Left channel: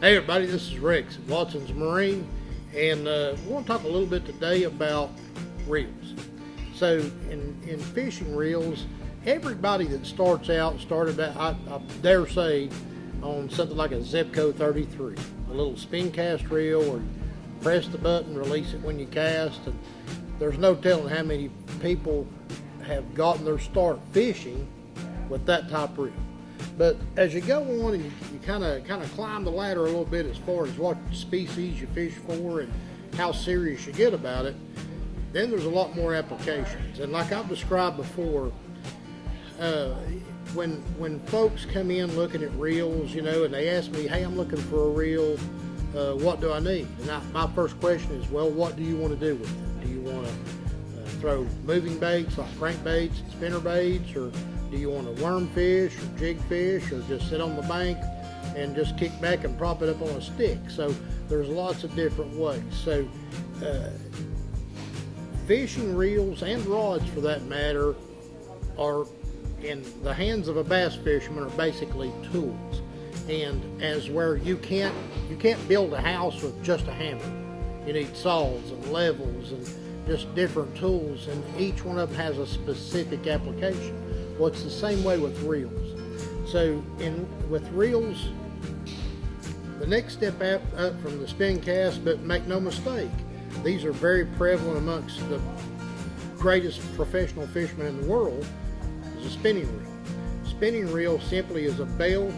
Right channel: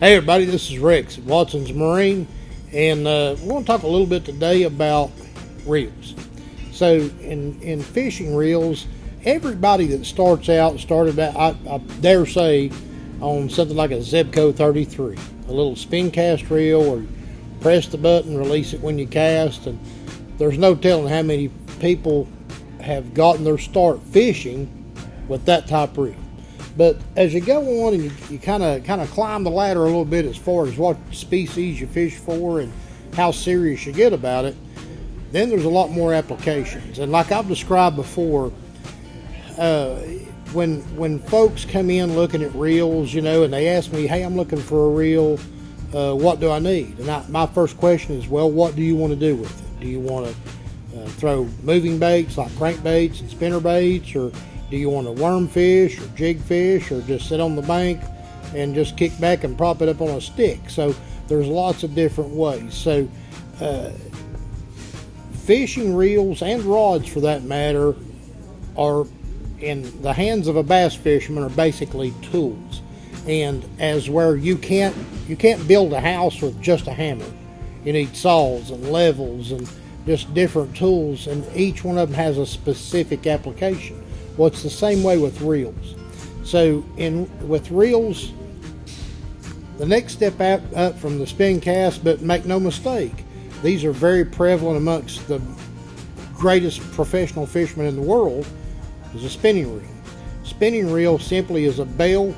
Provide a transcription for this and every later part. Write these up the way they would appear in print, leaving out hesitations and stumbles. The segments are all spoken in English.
Hey everybody, this is Rex at Watson's Marine, and we're going to talk a little bit today about reels. So in fishing reels, everybody that started out, I dare say, on something like a Zebco 33, a little spin cast reel, or press the button, release it when you cast, and there's no telling how many people have gotten their start fishing with that type of reel. But as you go on and you kind of climb the ladder a little bit as far as what species you fish for and how serious you get about it, then there's a lot more applications. And like I've described before, when folks come in looking at reels, and they ask me, hey, I'm looking for a reel, what do I need? And my first question is, well, what do you want to do with it? Do you want to throw moving baits like crankbaits and spinner baits, or do you want to worm fish or jig fish, or just sit on the bank and just kick back and prop it up on a stick? So there's lots of different ways. So fishing reels and rods, for that matter, are in the hands of a bass fisherman are basically tools. And as where you can't build a house with just a hammer. You need saws and levels and just different tools, and each one of them has a specific application. Well, it's the same way with reels. So with reels, the next step up from the spin cast, but make no mistake, these are very prevalent amongst the greatest professional fishermen in the world, is a spinning reel. Spinning reel simply is a belt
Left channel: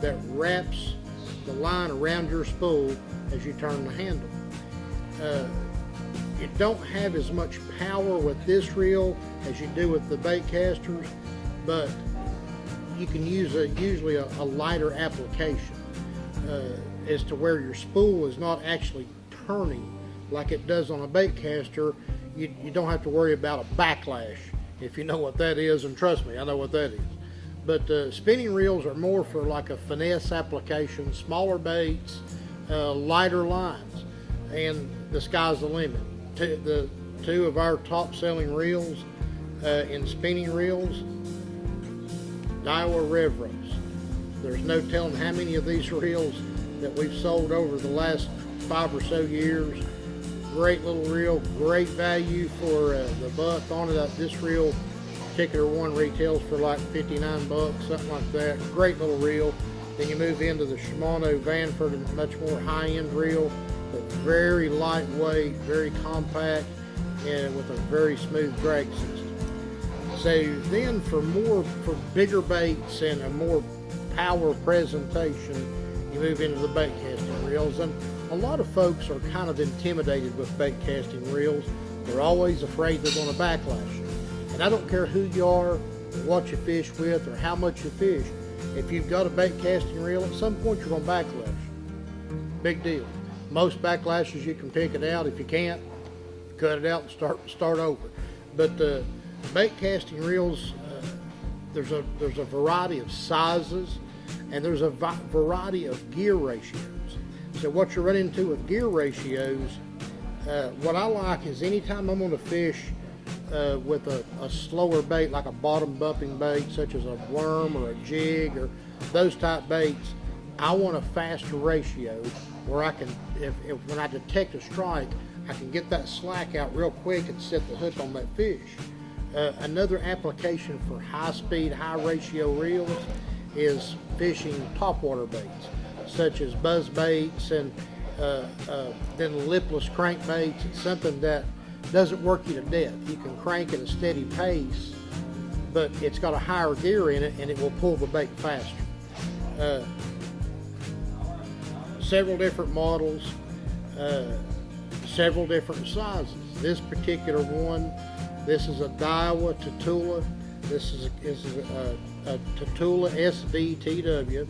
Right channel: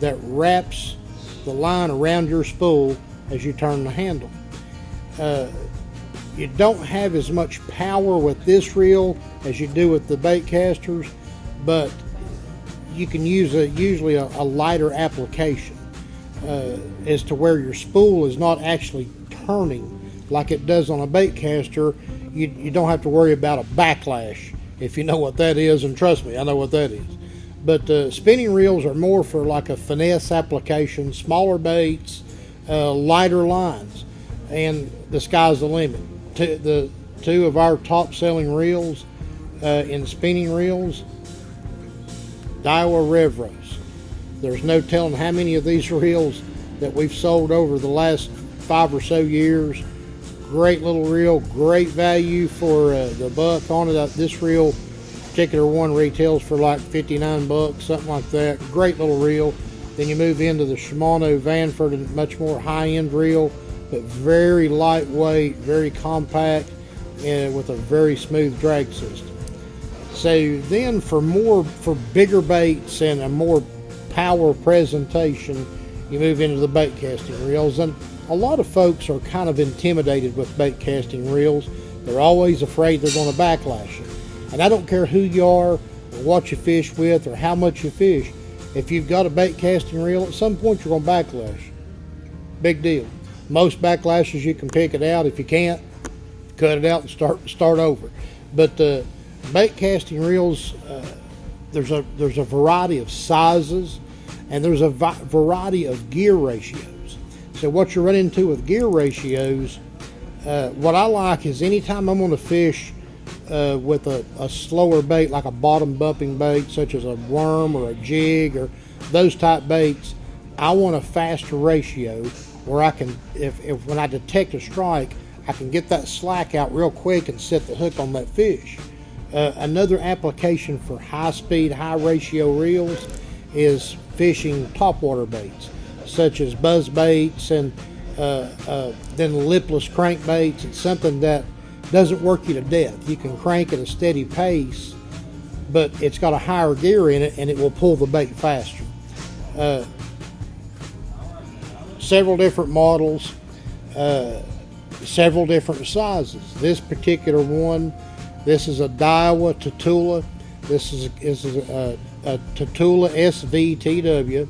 that wraps the line around your spool as you turn the handle. You don't have as much power with this reel as you do with the bait casters, but you can use usually a lighter application as to where your spool is not actually turning like it does on a bait caster. You don't have to worry about a backlash, if you know what that is, and trust me, I know what that is. But spinning reels are more for like a finesse application, smaller baits, lighter lines, and the sky's the limit. The two of our top selling reels in spinning reels, Daiwa Revros. There's no telling how many of these reels that we've sold over the last 5 or so years. Great little reel, great value for the buck on it. This reel, particular one, retails for like 59 bucks, something like that. Great little reel. Then you move into the Shimano Vanford, and much more high-end reel, but very lightweight, very compact, and with a very smooth drag system. So then for bigger baits and a more power presentation, you move into the bait casting reels. And a lot of folks are kind of intimidated with bait casting reels. They're always afraid they're going to backlash it. And I don't care who you are, or what you fish with, or how much you fish. If you've got a bait casting reel, at some point you're going to backlash. Big deal. Most backlashes you can pick it out. If you can't, cut it out and start over. But bait casting reels, there's a variety of sizes, and there's a variety of gear ratios. So what you run into with gear ratios, what I like is anytime I'm going to fish with a slower bait, like a bottom bumping bait, such as a worm or a jig or those type baits, I want a faster ratio where I can, if when I detect a strike, I can get that slack out real quick and set the hook on that fish. Another application for high-speed, high-ratio reels is fishing topwater baits, such as buzz baits and then lipless crankbaits. It's something that doesn't work you to death. You can crank at a steady pace, but it's got a higher gear in it, and it will pull the bait faster. Several different models, several different sizes. This particular one, this is a Daiwa Tatula. This is a Tatula SVTW,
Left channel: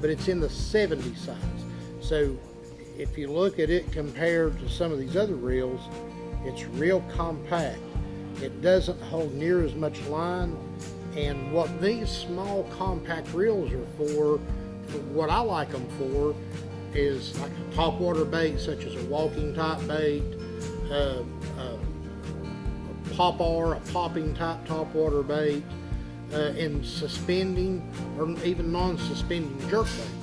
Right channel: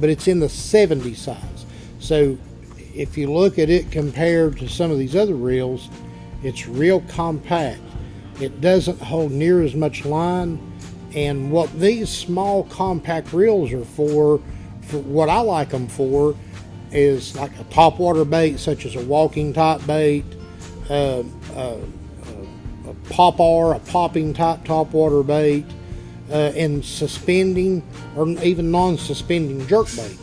but it's in the 70 size. So if you look at it compared to some of these other reels, it's real compact. It doesn't hold near as much line, and what these small compact reels are for what I like them for, is like a topwater bait, such as a walking type bait, a popping type topwater bait, and suspending or even non-suspending jerk baits.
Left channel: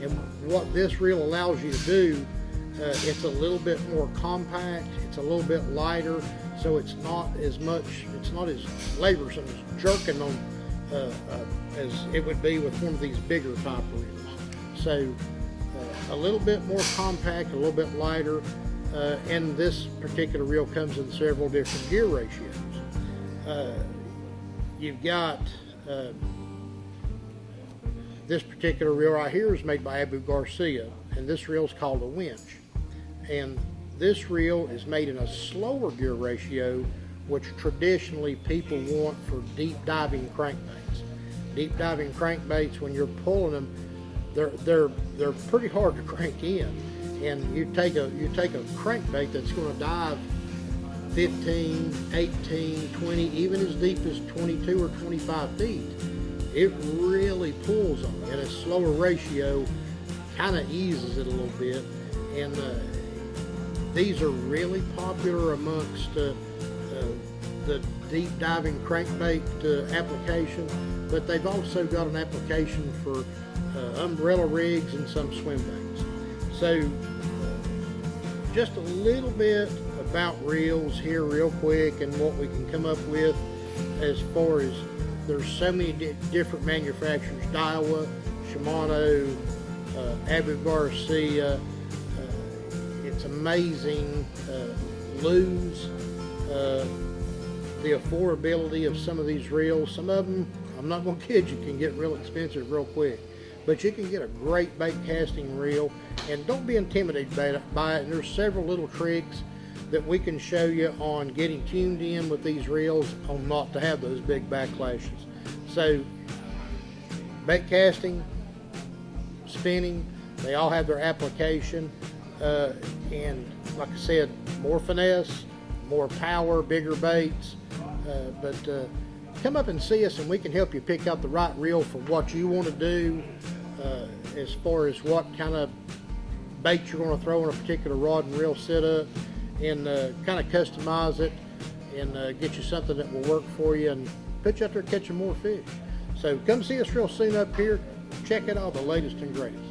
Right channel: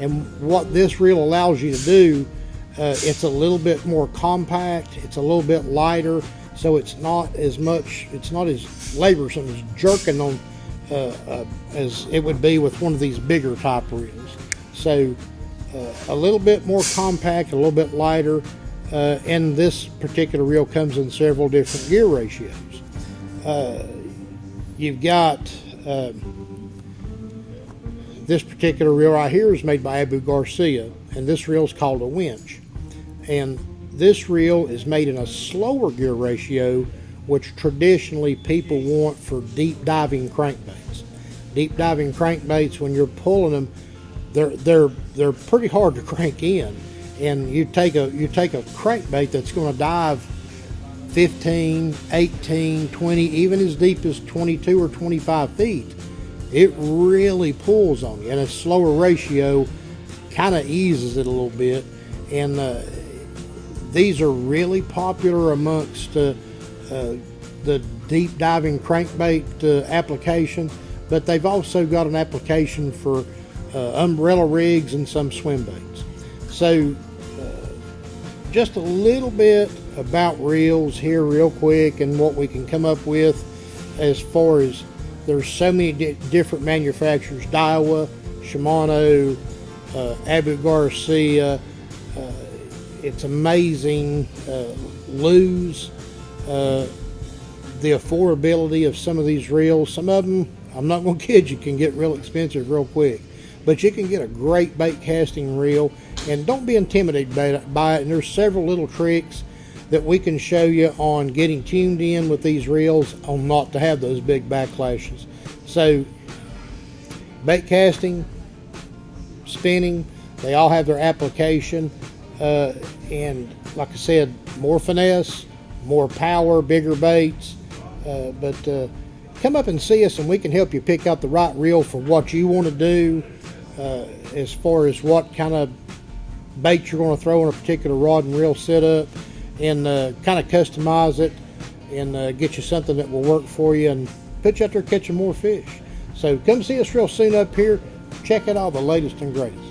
And what this reel allows you to do, it's a little bit more compact, it's a little bit lighter, so it's not as laborsome as jerking on as it would be with one of these bigger type reels. So a little bit more compact, a little bit lighter, and this particular reel comes in several different gear ratios. You've got this particular reel right here is made by Abu Garcia, and this reel is called a winch. And this reel is made in a slower gear ratio, which traditionally people want for deep diving crankbaits. Deep diving crankbaits, when you're pulling them, they're pretty hard to crank in. And you take a crankbait that's going to dive 15, 18, 20, even as deep as 22 or 25 feet. It really pulls on you, and a slower ratio kind of eases it a little bit. And these are really popular amongst the deep diving crankbait application, but they've also got an application for umbrella rigs and some swim baits. So just a little bit about reels here real quick, and what we can come up with as far as there's so many different manufacturers: Daiwa, Shimano, Abu Garcia. It's amazing. Lose the affordability of some of these reels. Some of them, I'm not going to kid you, can get real expensive real quick, but you can get a great bait casting reel, and don't be intimidated by it. And there's several little tricks that we can show you on getting tuned in with these reels on not to have those big backlashes. So bait casting, spinning, they all have their application, and like I said, more finesse, more power, bigger baits, but come up and see us and we can help you pick out the right reel for what you want to do, as far as what kind of bait you're going to throw in a particular rod and reel setup, and kind of customize it and get you something that will work for you and put you out there catching more fish. So come see us real soon up here. Check out all the latest and greatest.